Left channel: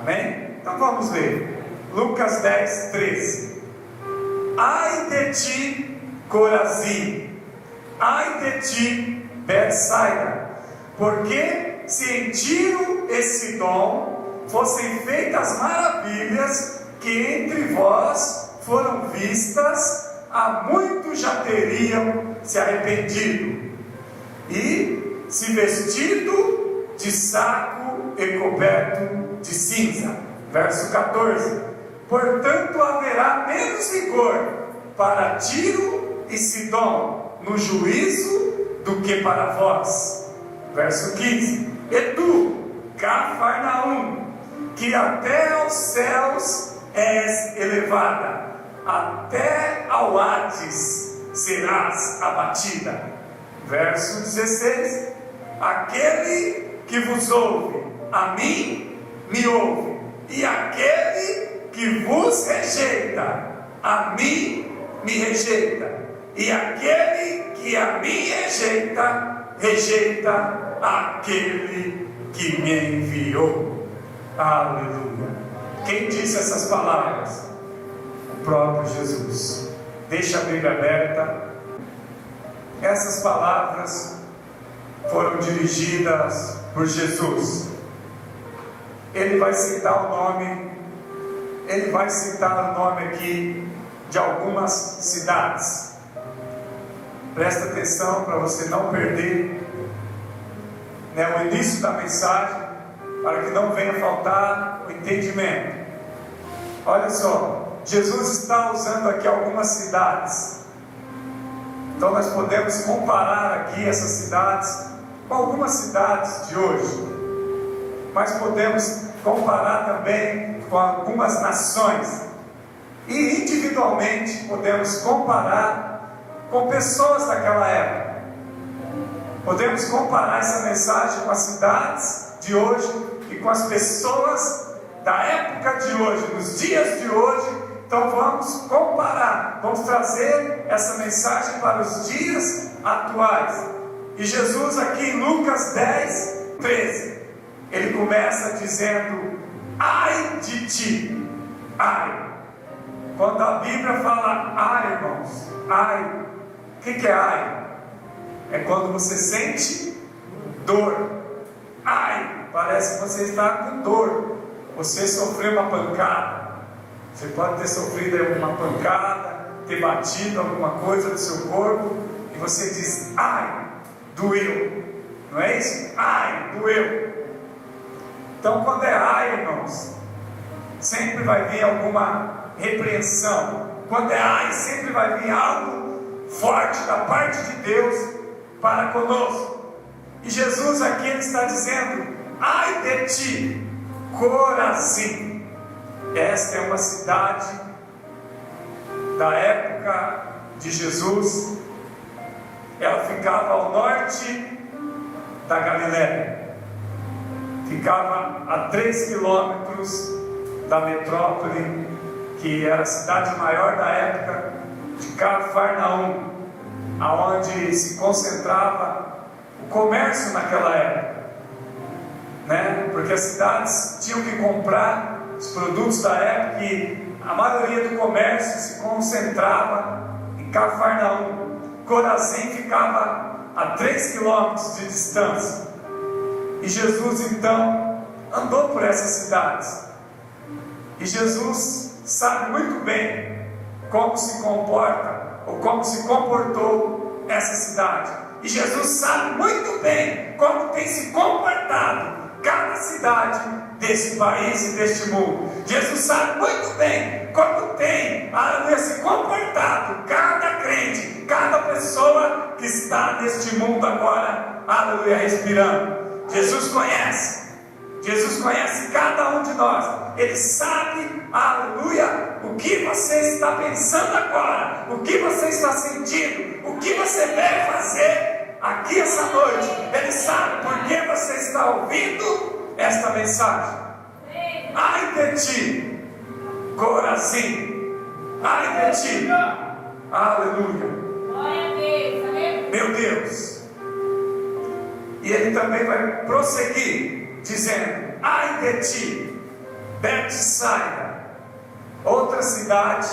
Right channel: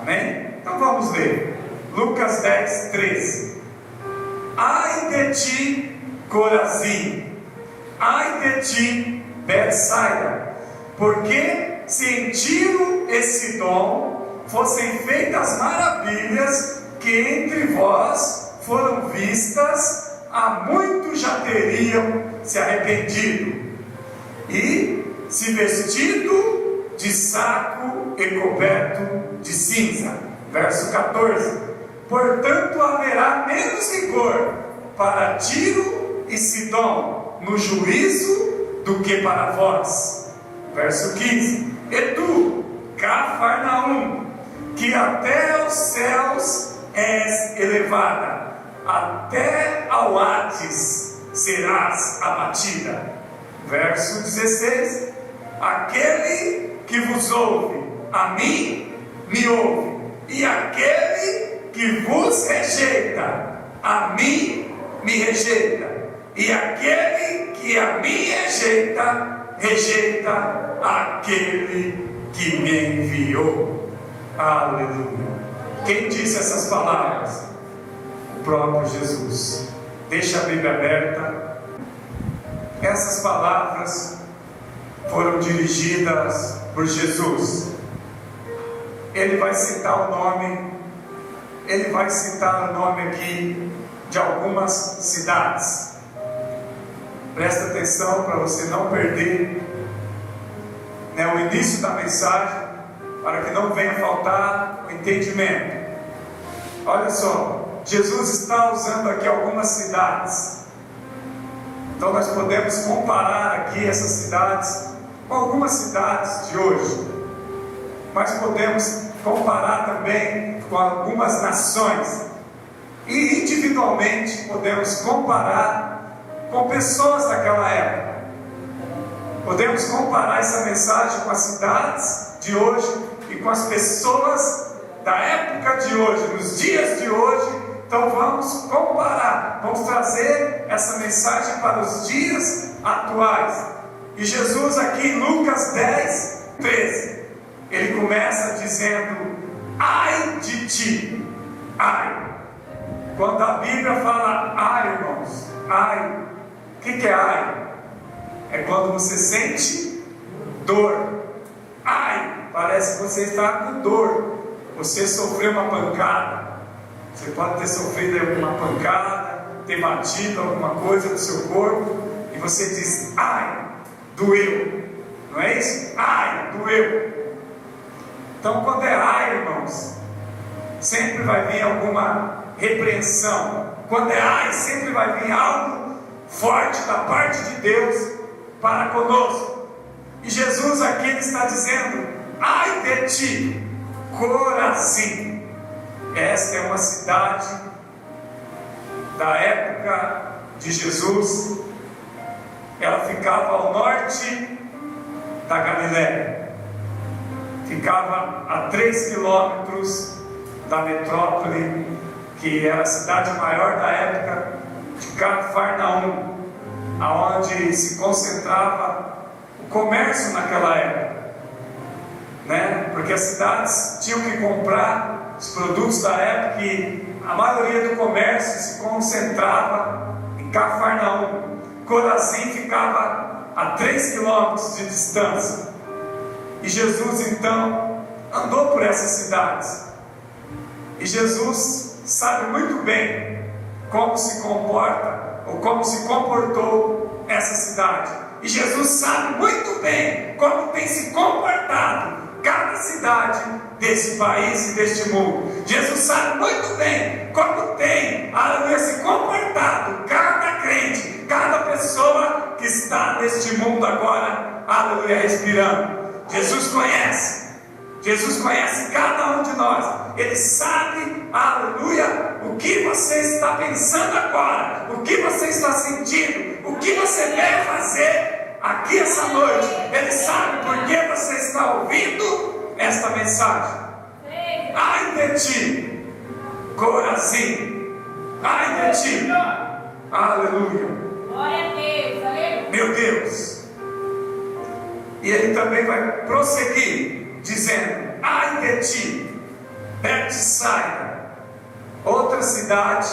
Amém? Então vamos ler. Lucas 10, 13. Ai de ti, Corazim! Ai de ti, Betsaida! Porque se em Tiro e Sidom fossem feitas maravilhas que entre vós foram vistas, há muito já teriam se arrependido, e se vestido de saco e coberto de cinza. Verso 14. Portanto haverá menos rigor para Tiro e Sidom no juízo do que para vós. Verso 15. E tu, Cafarnaum, que até aos céus és elevada, até ao Hades serás abatida. Verso 16. Aquele que vos ouve, a mim me ouve, e aquele que vos rejeita, a mim me rejeita, e aquele que a mim rejeita, rejeita aquele que me enviou. Aleluia. Quem disse essas palavras? O próprio Jesus. Deixa a Bíblia aberta. Essas palavras foram dirigidas por Jesus. Ele vai citar o nome, ele vai citar o nome aqui de algumas cidades. Presta atenção para você não perder, o início da mensagem, para que não venha faltar o entendimento. Olha só, Jesus está usando aqui algumas cidades. Então nós podemos comparar aqui essas cidades com algumas cidades de hoje. Mas podemos comparar também com algumas nações. E individualmente podemos comparar com pessoas daquela época. Podemos comparar essa mensagem com as cidades de hoje e com as pessoas da época de hoje, nos dias de hoje. Então vamos comparar, vamos trazer essa mensagem para os dias atuais. E Jesus aqui em Lucas 10, 13, ele começa dizendo: ai de ti, ai. Quando a Bíblia fala ai, irmãos, ai, o que é ai? É quando você sente dor. Ai, parece que você está com dor. Você sofreu uma pancada. Você pode ter sofrido uma pancada, ter batido alguma coisa no seu corpo, e você diz: ai, doeu. Não é isso? Ai, doeu. Então, quando é ai, irmãos, sempre vai vir alguma repreensão. Quando é ai, sempre vai vir algo forte da parte de Deus para conosco. E Jesus aqui ele está dizendo: ai de ti, Corazim. Esta é uma cidade da época de Jesus. Ela ficava ao norte da Galiléia, ficava a 3 quilômetros da metrópole, que era a cidade maior da época, de Cafarnaum, aonde se concentrava o comércio naquela época, porque as cidades tinham que comprar os produtos da época, e a maioria do comércio se concentrava em Cafarnaum. Corazim ficava a 3 quilômetros de distância. E Jesus então andou por essas cidades. E Jesus sabe muito bem como se comporta, ou como se comportou essa cidade. E Jesus sabe muito bem como tem se comportado cada cidade desse país e deste mundo. Jesus sabe muito bem como tem se comportado cada crente, cada pessoa que está neste mundo agora, aleluia, respirando. Jesus conhece cada um de nós. Ele sabe, aleluia, o que você está pensando agora, o que você está sentindo, o que você deve fazer aqui essa noite. Ele sabe por que você está ouvindo esta mensagem. Ai de ti, Corazim, ai de ti, aleluia, glória a Deus, aleluia. meu Deus. E ele também vai prosseguir dizendo: ai de ti, Betsaida, outra cidade,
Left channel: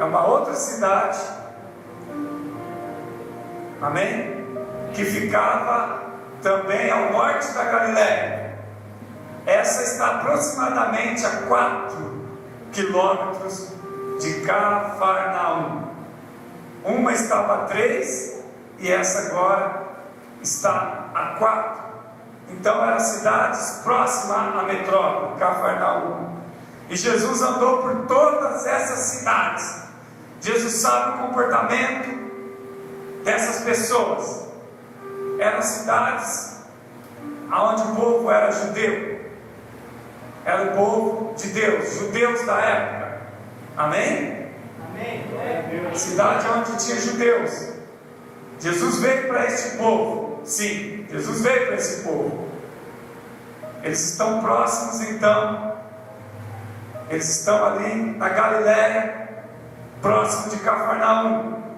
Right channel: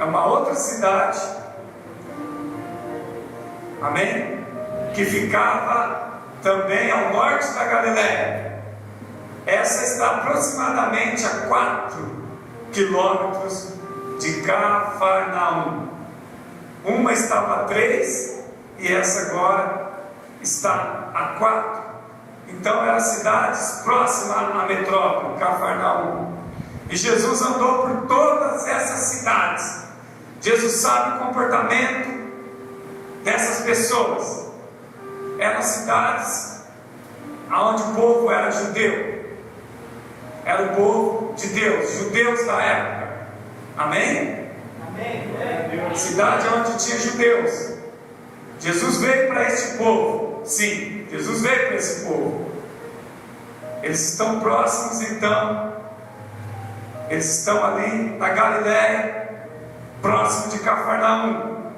é uma outra cidade, amém? Que ficava também ao norte da Galiléia. Essa está aproximadamente a 4 quilômetros de Cafarnaum. Uma estava a 3 e essa agora está a 4. Então eram cidades próximas à metrópole, Cafarnaum. E Jesus andou por todas essas cidades. Jesus sabe o comportamento dessas pessoas. Eram cidades onde o povo era judeu. Era o povo de Deus, judeus da época. Amém? Amém. Cidade onde tinha judeus. Jesus veio para este povo. Sim, Jesus veio para esse povo. Eles estão próximos, então. Eles estão ali na Galiléia, próximo de Cafarnaum.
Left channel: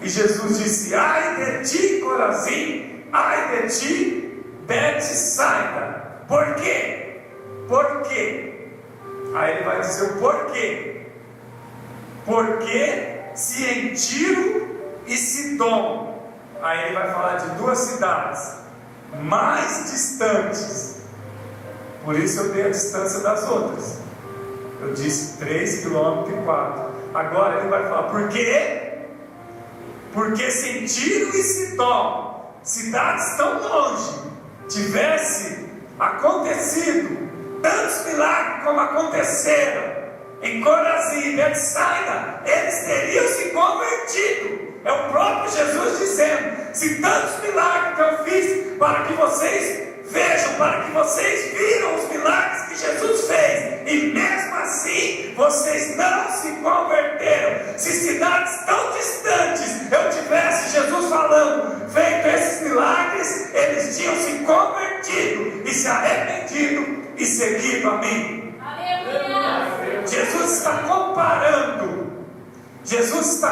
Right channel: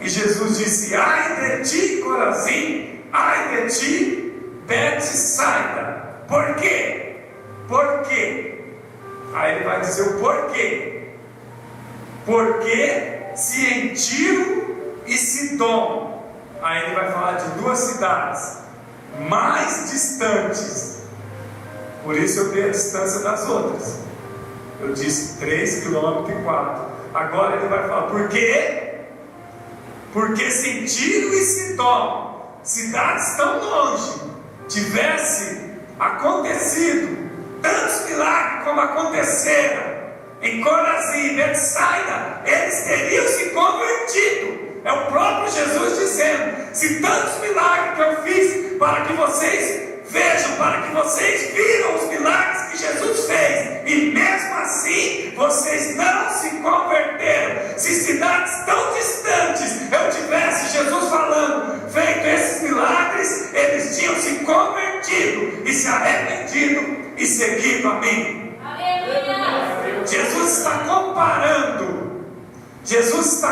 E Jesus disse: ai de ti, Corazim, ai de ti, Betsaida. Por quê? Por quê? Aí ele vai dizer o porquê. Porque se em Tiro e Sidom, aí ele vai falar de 2 cidades mais distantes. Por isso eu dei a distância das outras. Eu disse 3 km e 4. Agora ele vai falar por quê? Porque se em Tiro e Sidom, cidades tão longe, tivesse acontecido tantos milagres como aconteceram em Corazim e Betsaida, eles teriam se convertido. É o próprio Jesus dizendo: se tantos milagres que eu fiz para que vocês vejam, para que vocês viram os milagres que Jesus fez, e mesmo assim vocês não se converteram. Se cidades tão distantes eu tivesse Jesus falando, feito esses milagres, eles tinham se convertido e se arrependido e seguido a mim. Aleluia. Jesus está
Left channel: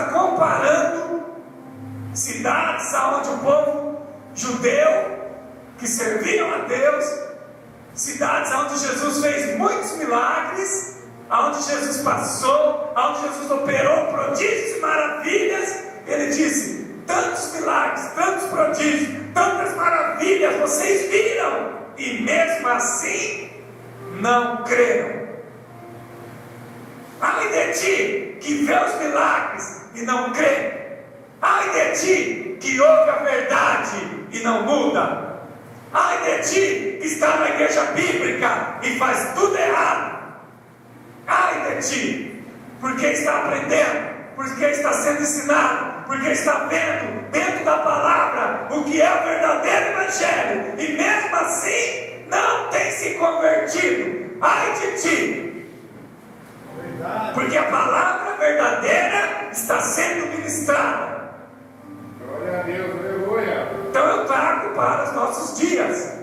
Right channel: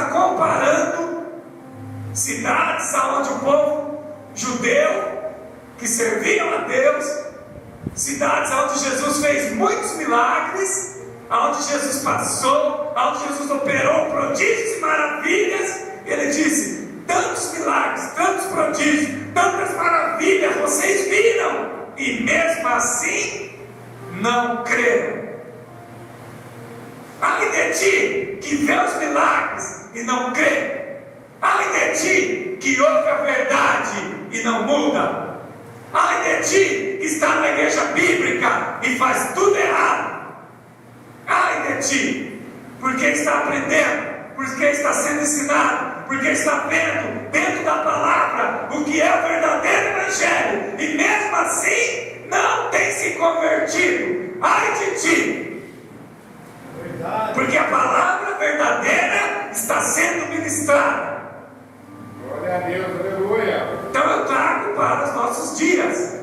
comparando cidades onde o povo judeu que serviam a Deus, cidades onde Jesus fez muitos milagres, onde Jesus passou, onde Jesus operou prodígios e maravilhas. Ele disse: tantos milagres, tantos prodígios, tantas maravilhas vocês viram, e mesmo assim não creram. Ai de ti que vê os milagres e não crê. Ai de ti que ouve a verdade e não muda. Ai de ti que está na igreja bíblica e faz tudo errado. Ai de ti, porque está aprendendo, porque está sendo ensinado, porque está vendo dentro da palavra o que é o verdadeiro evangelho, e mesmo assim não tem se convertido. Ai de ti, porque a palavra verdadeira está sendo ministrada. Glória a Deus, aleluia. Então eu trago para os nossos dias.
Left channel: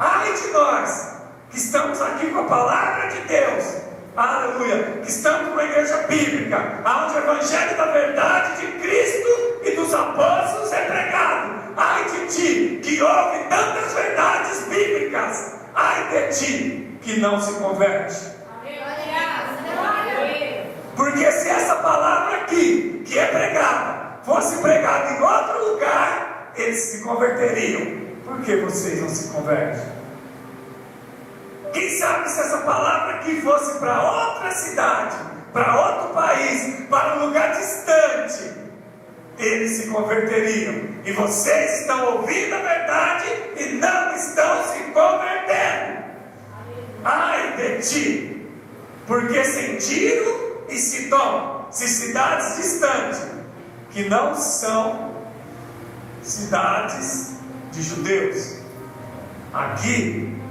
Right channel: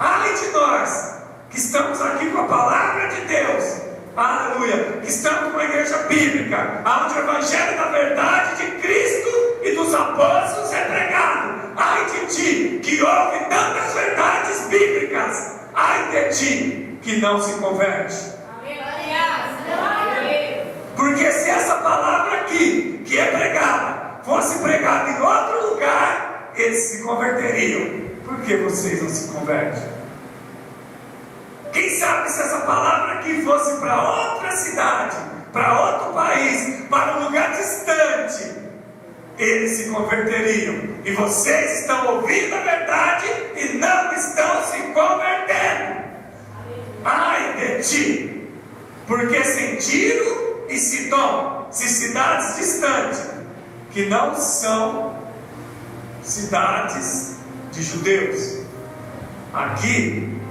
Ai de nós que estamos aqui com a palavra de Deus, aleluia, que estamos numa igreja bíblica, onde o evangelho da verdade de Cristo e dos apóstolos é pregado. Ai de ti que ouve tantas verdades bíblicas. Ai de ti que não se converte. Porque se essa palavra aqui, que é pregada, fosse pregada em outro lugar, eles se converteriam. Por que vocês não se convertem? Quem sabe se essa palavra aqui fosse para outra cidade, para outro país, para um lugar distante, eles se converteriam. E vocês estão ouvindo a verdade e não estão se convertendo. Ai de ti, porque sem Tiro e Sidom, se cidades distantes, que não são cidades de judeus. Aqui,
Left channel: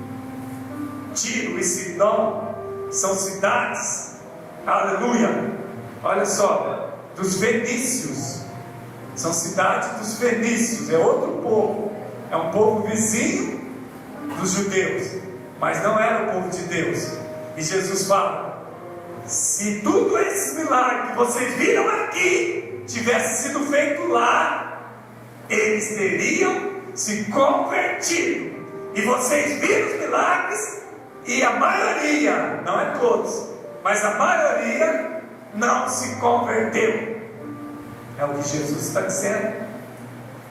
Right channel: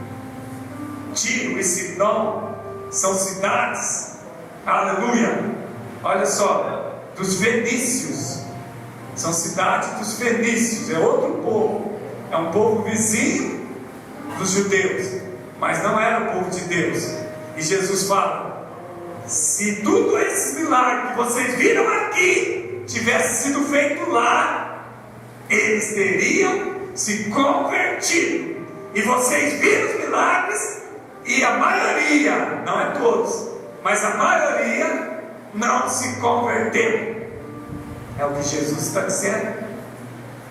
Tiro e Sidom são cidades, aleluia, olha só, dos fenícios. São cidades dos fenícios, é outro povo, é um povo vizinho dos judeus, mas não era o povo de Deus. E Jesus fala: se tudo esses milagres que vocês viram aqui tivesse sido feito lá, eles teriam se convertido. E vocês viram os milagres E a maioria, não é todos, mas a maioria não se converteu. É o que Jesus está dizendo.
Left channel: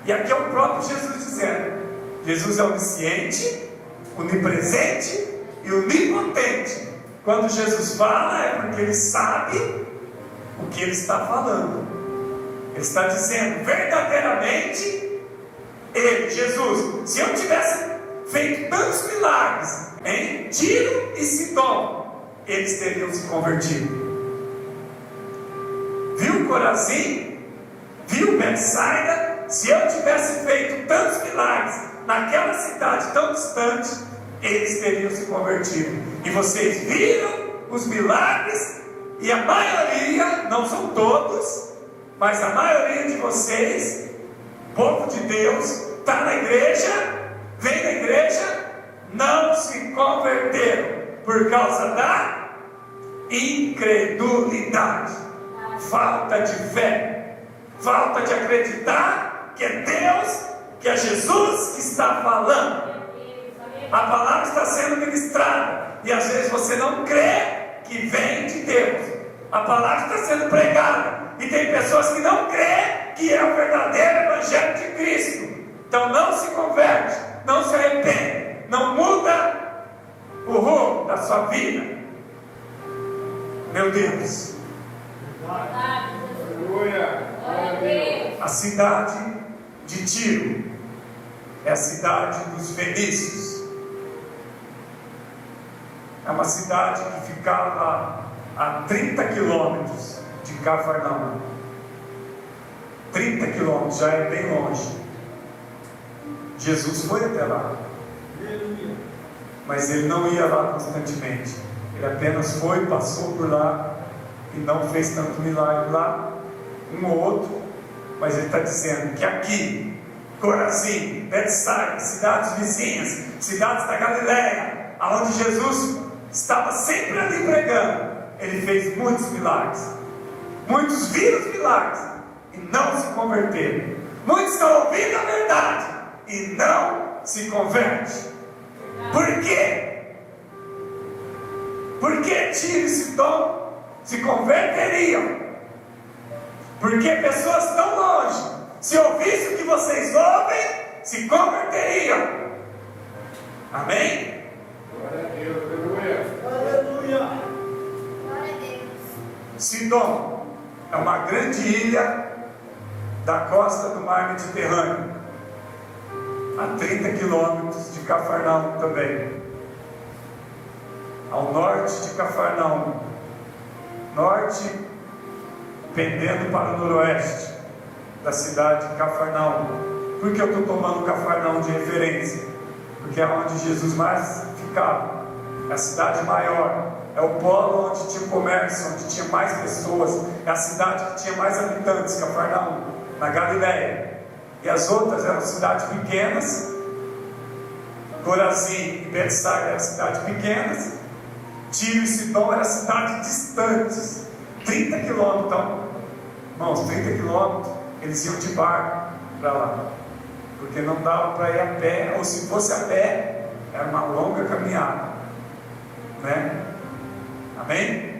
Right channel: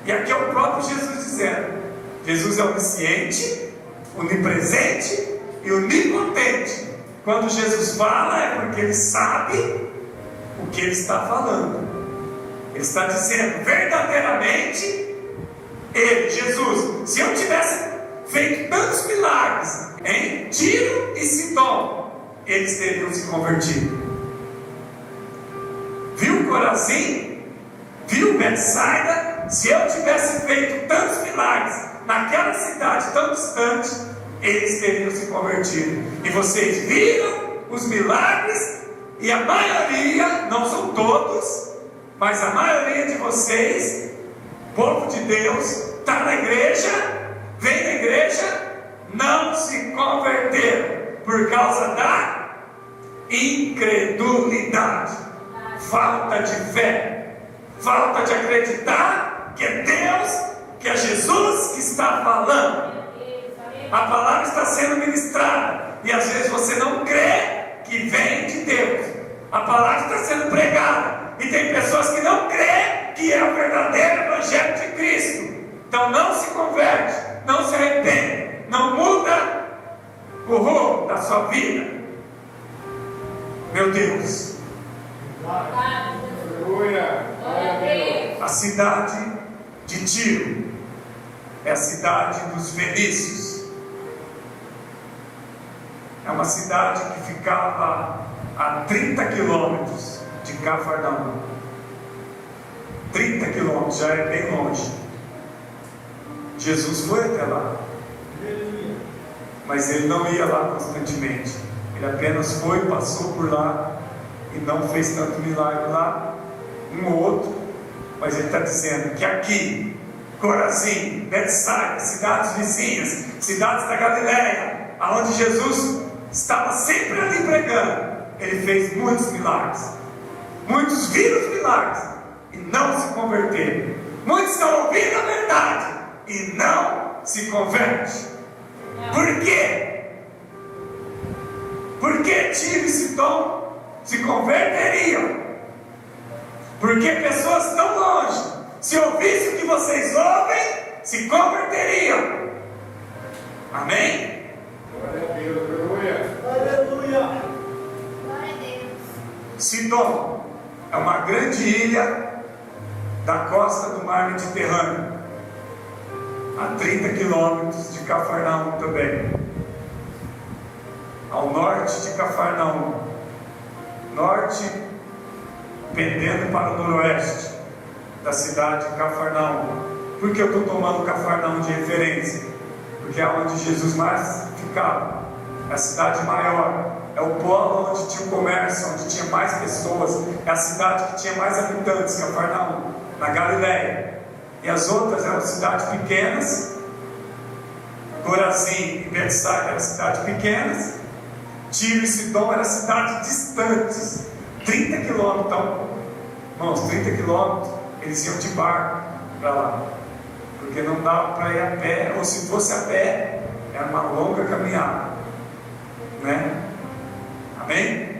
E aqui é o próprio Jesus dizendo. Jesus é onisciente, onipresente e onipotente. Quando Jesus fala é porque Ele sabe o que Ele está falando. Ele está dizendo verdadeiramente, Ele, Jesus, se eu tivesse feito tantos milagres em Tiro e Sidom, eles teriam se convertido. Viu Corazim? Viu Betsaida? Se eu tivesse feito tantos milagres naquela cidade tão distante, eles teriam se convertido. E vocês viram os milagres, e a maioria, não são todos, mas a maioria de vocês, povo de Deus, está na igreja, vem na igreja, não se converteram por causa da incredulidade, falta de fé, falta de acreditar que é Deus, que é Jesus que está falando. A palavra está sendo ministrada e às vezes você não crê que vem de Deus. A palavra está sendo pregada e tem pessoas que não crêem que é o verdadeiro evangelho de Cristo. Então não se converte, não se arrepende, não muda o rumo da sua vida. Meu Deus. Aleluia. A cidade de Tiro é a cidade dos fenícios. É uma cidade que ficava a 30 quilômetros de Cafarnaum. 30 quilômetros, já é bem longe. Jesus foi até lá. Mas ele não ia lá constantemente. Ele apenas foi, passou por lá e não fez tanto milagre lá. Um ou outro. Mas ele está dizendo que aqui, Corazim, Betsaida, cidades vizinhas, cidades da Galileia, aonde Jesus estava sempre ali pregando, ele fez muitos milagres. Muitos viram os milagres e não se converteram. Muitos estão ouvindo a verdade e não se convertem. Por quê? Porque Tiro e Sidom se converteriam. Porque pessoas tão longe, se ouvissem o que vocês ouvem, se converteriam. Amém? Glória a Deus, aleluia. Aleluia. Sidom é uma grande ilha da costa do mar Mediterrâneo, a 30 quilômetros de Cafarnaum também, ao norte de Cafarnaum, norte pendendo para o noroeste da cidade de Cafarnaum. Por que eu estou tomando Cafarnaum de referência? Porque é onde Jesus mais ficava, é a cidade maior, é o polo onde tinha o comércio, onde tinha mais pessoas, é a cidade que tinha mais habitantes, Cafarnaum, na Galileia. E as outras eram cidades pequenas, Corazim e Betsaida eram cidades pequenas, Tiro e Sidom eram cidades distantes, 30 quilômetros, então, irmãos, 30 quilômetros, eles iam de barco para lá, porque não dava para ir a pé, ou se fosse a pé, era uma longa caminhada, né? Amém?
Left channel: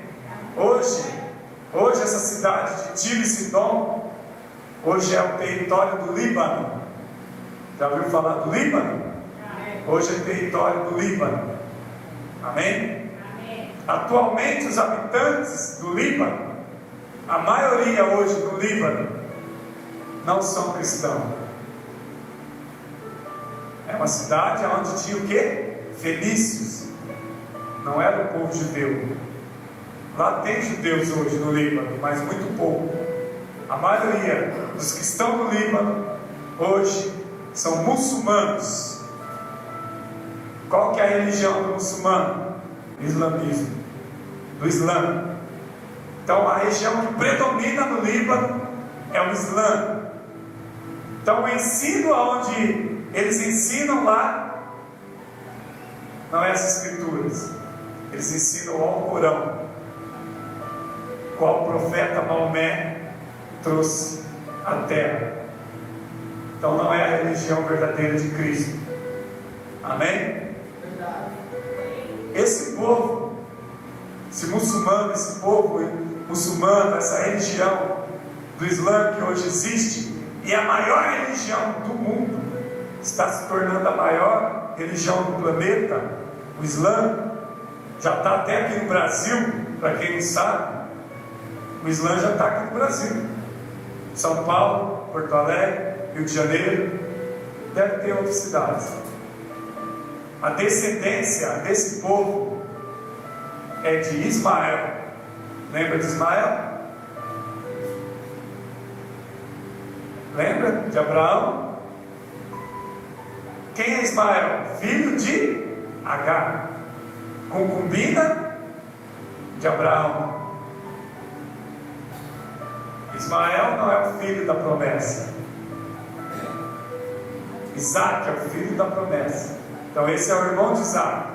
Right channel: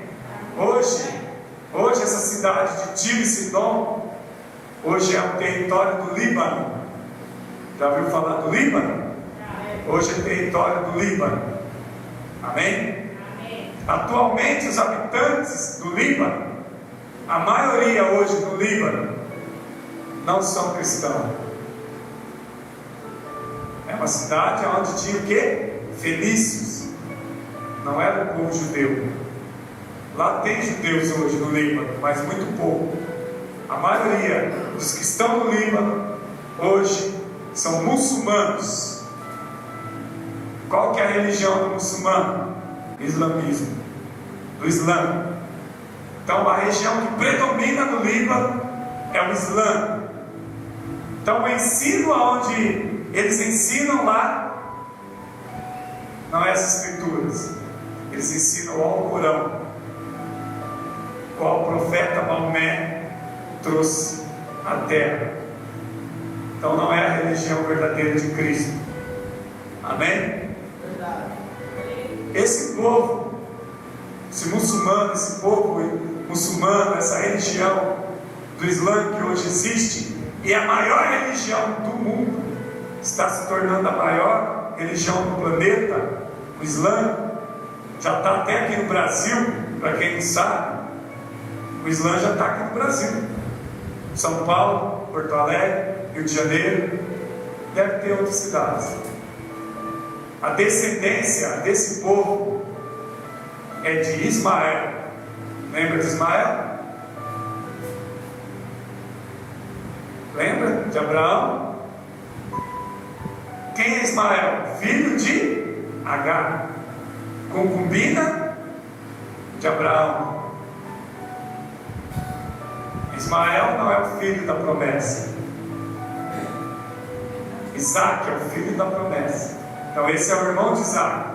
Hoje essa cidade de Tiro e Sidom, hoje é o território do Líbano. Já ouviu falar do Líbano? Hoje é território do Líbano. Amém? Atualmente os habitantes do Líbano, a maioria hoje do Líbano, não são cristãos. É uma cidade onde tinha o quê? Fenícios. Não era o povo judeu. Lá tem judeus hoje no Líbano, mas muito pouco. A maioria dos que estão no Líbano hoje são muçulmanos. Qual que é a religião do muçulmano? Islamismo. Do Islã. Então a região que predomina no Líbano é o Islã. Então o ensino onde eles ensinam lá não é as escrituras. Eles ensinam o Alcorão, qual o profeta Maomé trouxe à terra. Então não é a religião verdadeira de Cristo. Amém? Esse hoje existe, e a maior religião do mundo, está se tornando a maior religião do planeta, o Islã. Já está até aqui no Brasil, para quem não sabe, o Islã já está aqui no Brasil. São Paulo, Porto Alegre, Rio de Janeiro, deve ter outras cidades. A descendência desse povo é de Ismael. Lembra de Ismael? Lembra de Abraão? Quem é Ismael? Filho de Agar, concubina de Abraão. Ismael não é o filho da promessa. Isaac é o filho da promessa. Então esse é o irmão de Isaac.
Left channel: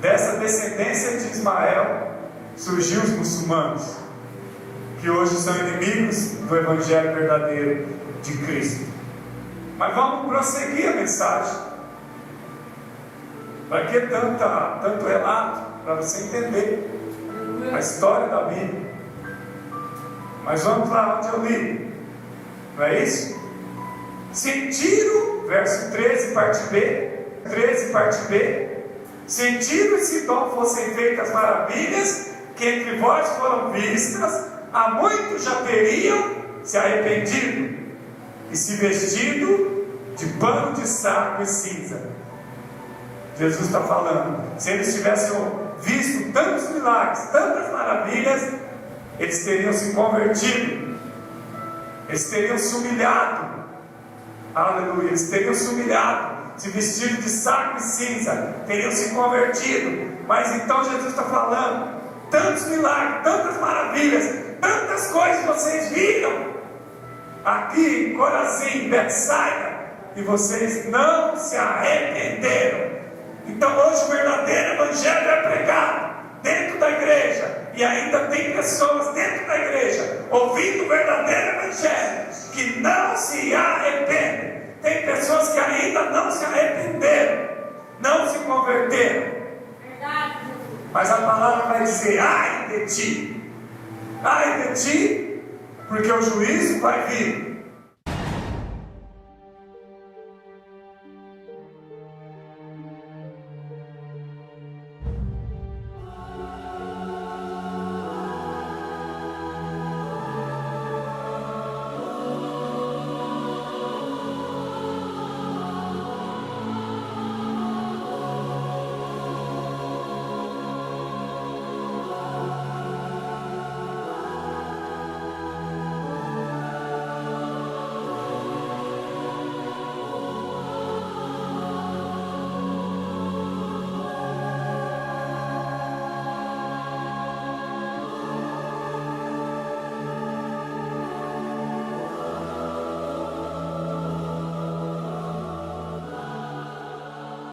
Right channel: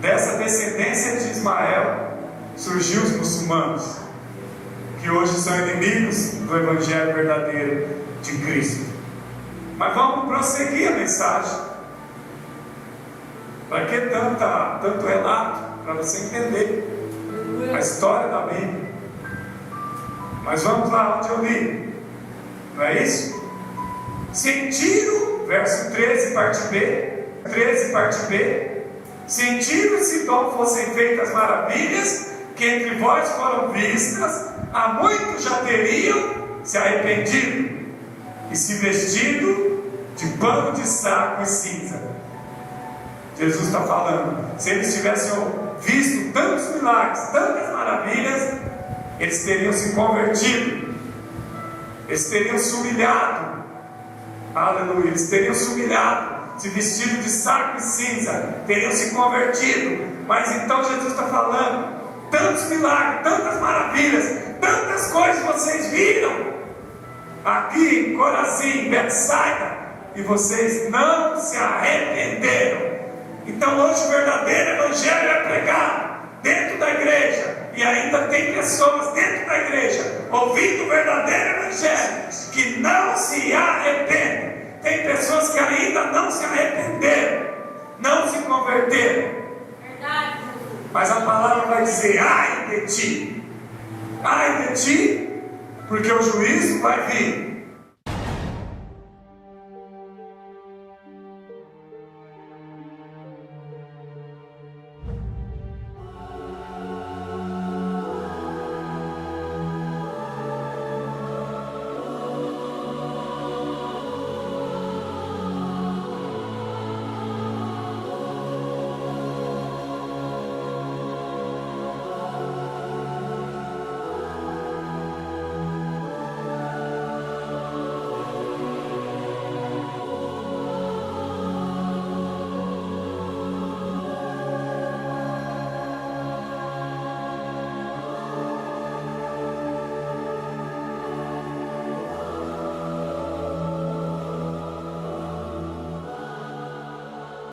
Dessa descendência de Ismael surgiu os muçulmanos, que hoje são inimigos do Evangelho verdadeiro de Cristo. Mas vamos prosseguir a mensagem. Para que tanto relato? Para você entender a história da Bíblia. Mas vamos lá onde eu li. Não é isso? Sentido, verso 13, parte B. 13, parte B. Sentido, se não fossem feitas maravilhas que entre vós foram vistas, há muito já teriam se arrependido e se vestido de pano de saco e cinza. Jesus está falando, se eles tivessem visto tantos milagres, tantas maravilhas, eles teriam se convertido, eles teriam se humilhado, aleluia, eles teriam se humilhado, se vestido de saco e cinza, teriam se convertido. Mas então Jesus está falando, tantos milagres, tantas maravilhas, tantas coisas vocês viram aqui em Corazim, Betsaida, e vocês não se arrependeram. Então hoje o verdadeiro evangelho é pregado dentro da igreja, e ainda tem pessoas dentro da igreja ouvindo o verdadeiro evangelho que não se arrependem. Tem pessoas que ainda não se arrependeram, não se converteram. Verdade. Mas a palavra vai dizer: ai de ti, porque o juízo vai vir.